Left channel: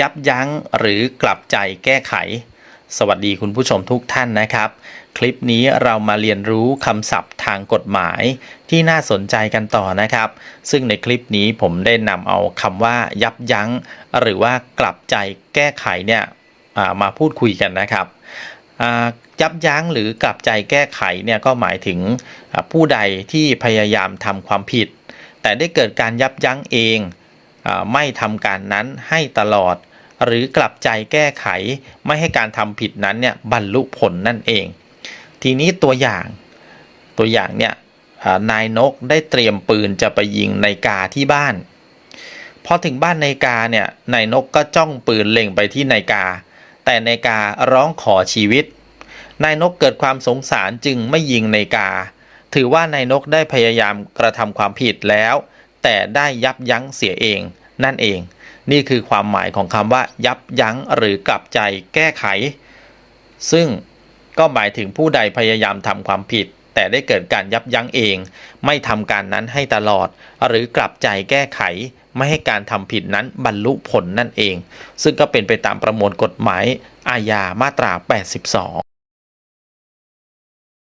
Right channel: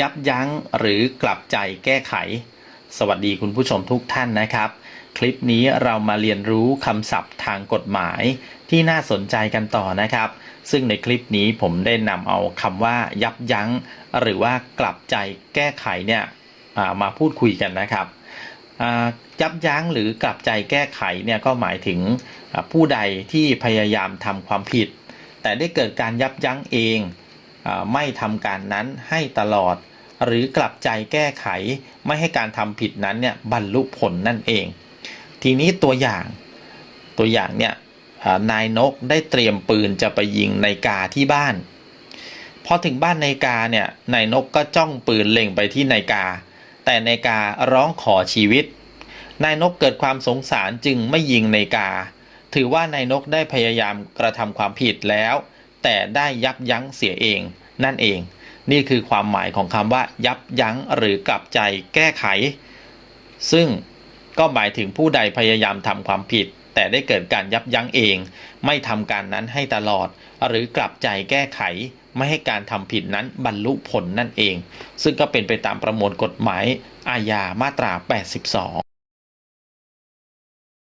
ยับยั้งหรือกลับใจแก้ไข สวัสดีคุณผู้ชมทุกท่านนะครับ คลิปนี้เรามาเรียนรู้คำศัพท์ทางกฎหมายที่น่าสนใจกันต่อนะครับ ซึ่งในคลิปนี้ผมได้นำเอาคำว่ายับยั้ง หรือว่ากลับใจแก้ไขเนี่ยมาพูดคุยกันนะครับยับยั้งหรือกลับใจแก้ไขเนี่ยก็หมายถึงผู้ใดที่พยายามทำความผิด แต่ได้เกิดการยับยั้งเอง ไม่ทำการนั้นให้ตลอด หรือกลับใจแก้ไขไม่ให้การทำผิดนั้นเนี่ยบรรลุผลนั่นเอง ทีนี้ตัวอย่างตัวอย่างเนี่ยนายนกได้เตรียมปืนจะไปยิงนายกาที่บ้านพอถึงบ้านนายกาเนี่ยนายนกก็จ้องปืนเล็งไปที่นายกา แต่นายการ้องขอชีวิตนายนกเกิดความสงสารจึงไม่ยิงนายกา ถือว่านายนกได้พยายามกระทำความผิดแล้ว แต่ได้ยับยั้งเสียเองนั่นเอง นี่คือความหมายของคำว่า ยับยั้งหรือกลับใจแก้ไข ซึ่งก็หมายถึงผู้ใดพยายามทำความผิด แต่ได้เกิดการยับยั้งเอง ไม่ทำการนั้นให้ตลอด หรือกลับใจแก้ไข ไม่ให้การทำผิดนั้นบรรลุผลนั่นเอง ซึ่งก็เป็นไปตามประมวลกฎหมายอาญามาตรา 82